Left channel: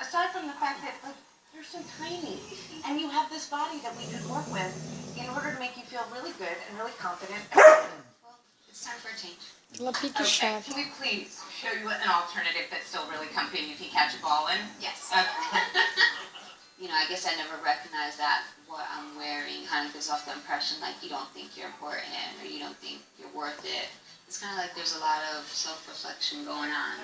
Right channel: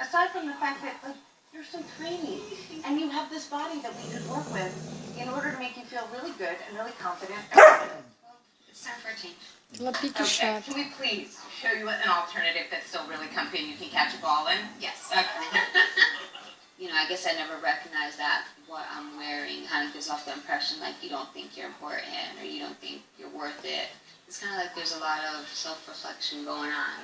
aside from the fact that like you're so tiny and you have this body that we could work with in order to make you feel really good and really confident. Well, it's time for a change. Ela pique Okay, chata. can we please show you an alternative that's still really comfy and you can catch a ball in? Yes. Okay. You know, I guess I never recognized that what I'm wearing kind of gives off the impression like you don't think you're important or you don't think you're worth it. It's kind of like there's a lot of self-reflection going on.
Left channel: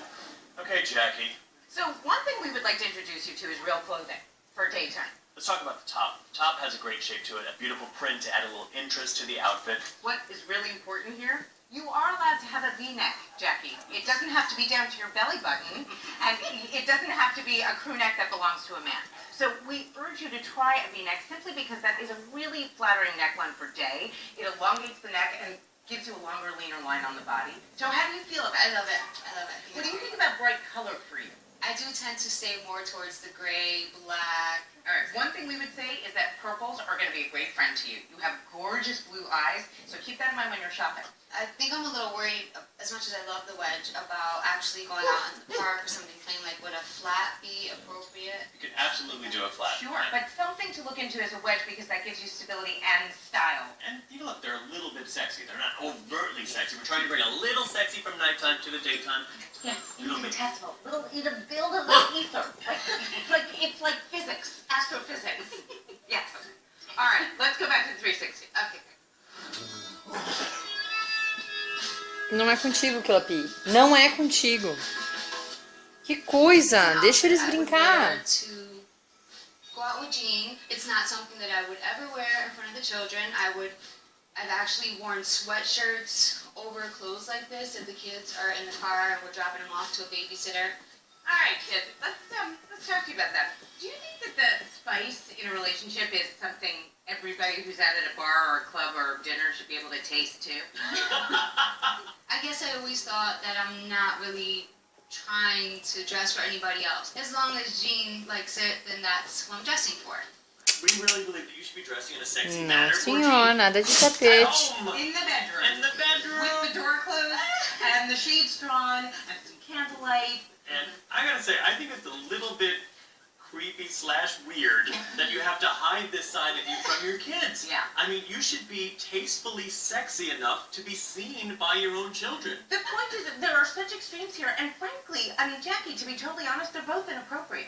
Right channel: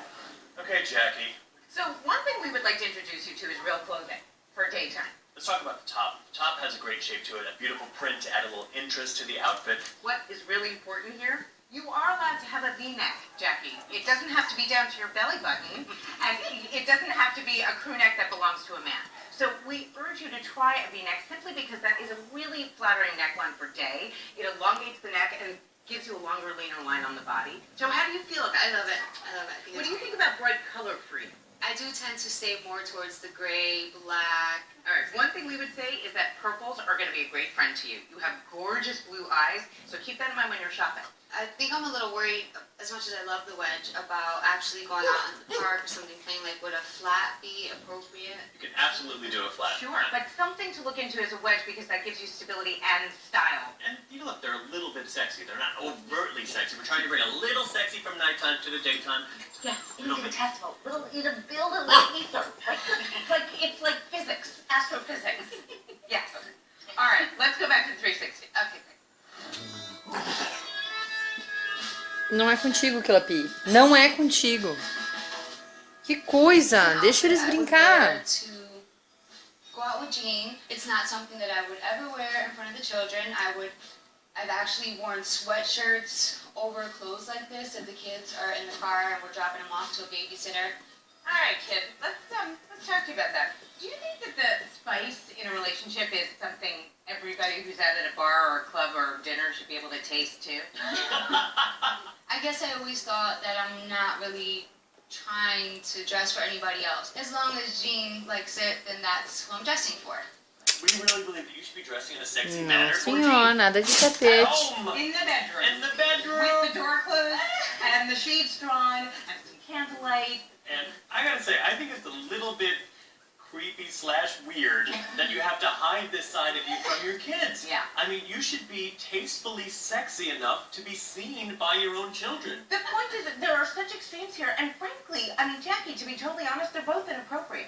Okay, Jackie. So one thing we would like to introduce you to is real clothing for daytime. Let's talk about the top. The top has a great shape to it, a beautiful print to add a little interest to the outfit. What is really important here, you are allowed to have a V-neck, Jackie. It doesn't have to be down to your belly button, and it doesn't have to be a crew neck that belongs to a man. So we urge you to try a V-neck simply because that is a really flattering neckline for day. It elongates the neck and gives you a longer, leaner line on the body. So how do you feel about it? I love it. I love it. What do you think about bright color for you? I do tend to stay more towards the gray, black. All right, one thing we would say is that purples are going to be a great friend to you. You have gorgeous blue eyes, so keep that in mind when you're shopping. I think I'm a little worried, as much as I love the wedge, about actually going out in the park or something plain. Like, would a flat be appropriate? You can absolutely do a flat. Sure, but something to look into is a wedge because that gives you stability and style. And you know what? They're a little bit sexy. They're not overtly sexy. We're trying to bring a little sexy from nighttime to the daytime. Yes, Little bit. infinitesimal. Little, you build a little ether. It's like physics, astrophysics. Yes. All right, let's go back to the 360. Okay, great. Não é contigo que ela pi. Não é contigo. Que coisa! Deixa eles I would brincar. wear to go out with Jean. It's not something that I would ever wear in front of the children. I've actually worn sweatshirts over clothes like this if the kids are in the car and we're dropping them off to a babysitter. All right, kid, let's talk to you about that. Do you think that the spice in a relationship is something everybody who's out at a bar or a club or dinner should be able to taste too? I guess I always thought that I'm not really trying to dress for anybody else. As long as Jean likes it, then that's what I'm dressing for. We really believe that you should be dressing in a sexy Não, manner. senhor, nada de At tapete. home. In the bedroom. In the bedroom. With the door closed and the shades drawn and some candlelight. And I gotta say, I think it's a little bit creepy / weird that you have to hide this side of you from your kids. Yeah. I mean, you should be tastefully sexy enough to be seen by your own children. The point is that there are such extremes here, and frankly, I mean, Jackie, to be totally honest, they're both inappropriate,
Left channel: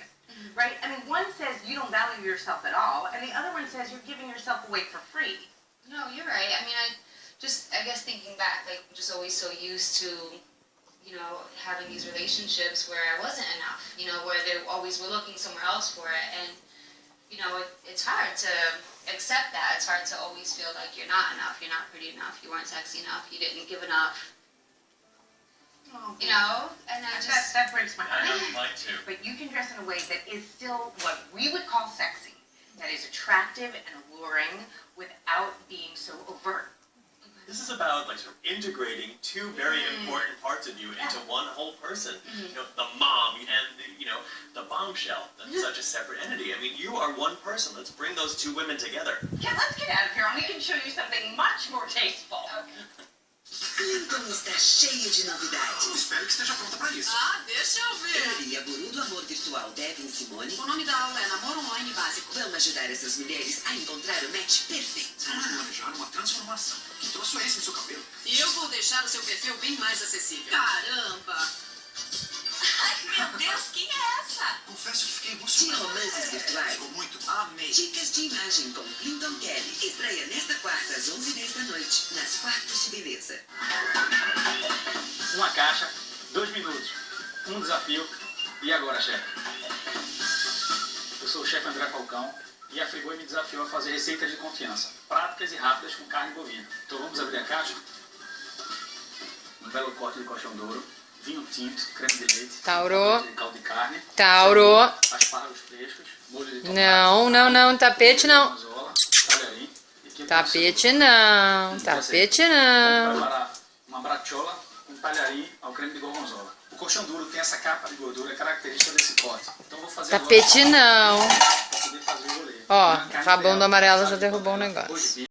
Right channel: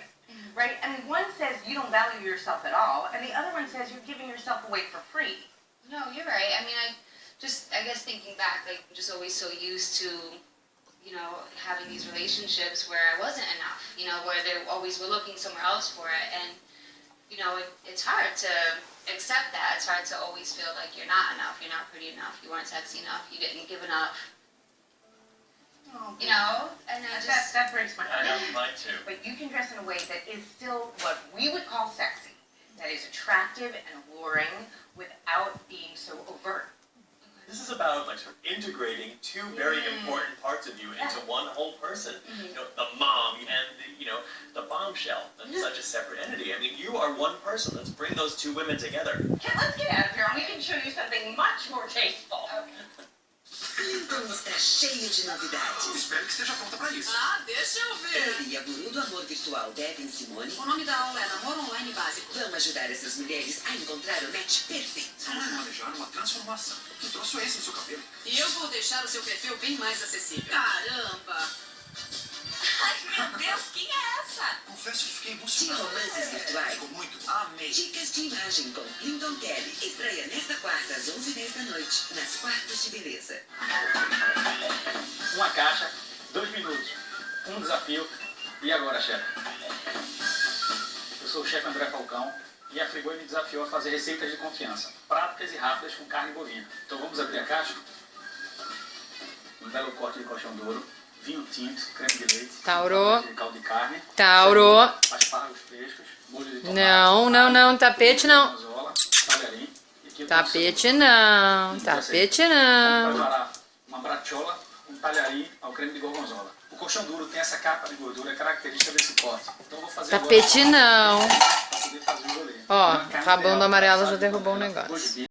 right? I mean, one says you don't value yourself at all, and the other one says you're giving yourself away for free. No, you're right. I mean, I guess thinking back, like, I'm just always so used to, you know, having these relationships where I wasn't enough, you know, where they always were looking somewhere else for it. And, you know, it's hard to accept that. It's hard to always feel like you're not enough, you're not pretty enough, you weren't sexy enough, you didn't give enough, Oh, you know? And I just, that breaks my I heart. know, mine too. But you can dress in a way that is still what we would call sexy, that is attractive and alluring without being so overt. This is about like sort of integrating two very important parts of you into one whole person. You know, the mom and the bombshell. That's such a separate entity. I mean, you are one person. Let's bring those two women together. Okay, let's get out of here and we can show you something much more tasteful. Clinton está cheio de novidades. Espero que esteja pronta para isso. Ah, deixa eu ver. Ele e a guru do amor virtual Devin Simone O nome da aula é Namoro Online Básico. vão ajudar essas mulheres a encontrar o match perfeito. Vamos planejar uma transformação. Que troço é esse no seu cabelo? E eu vou deixar o seu perfil bem mais acessível. Caramba! Ai, meu Deus, quem é essa? Confesso que fiquei De emocionado. romances virtuais. Ficou muito. Amei. Dicas de imagem com Clinton Kelly. Estreia nesta quarta às 11h10 da noite, nas quartas de beleza. Uma caixa, 2 minutos, um desafio. E agora, chefe? Eu sou o chefe André Falcão e a Friboi me desafiou a fazer receitas de confiança, práticas e rápidas com carne bovina. Então vamos abrir a caixa? Um belo corte de colchão duro, vinho tinto, creme de leite, Tauro. de caldo de carne, Tauro. aspargos frescos, molho de tomate, Não, não, não. Tapete não. gorgonzola, talharim e quilo de Tapete cebola. não. Tapete Vamos não. preparar uma bracciola com talharim ao creme de gorgonzola. O colchão duro tem essa capa de gordura característica desse corte. Então vou fazer Tapete agora não. para poder fazer o rolê. Ó, Uma carne rabão do real, Amarelo já sabe, derrubou o com negócio. arroz de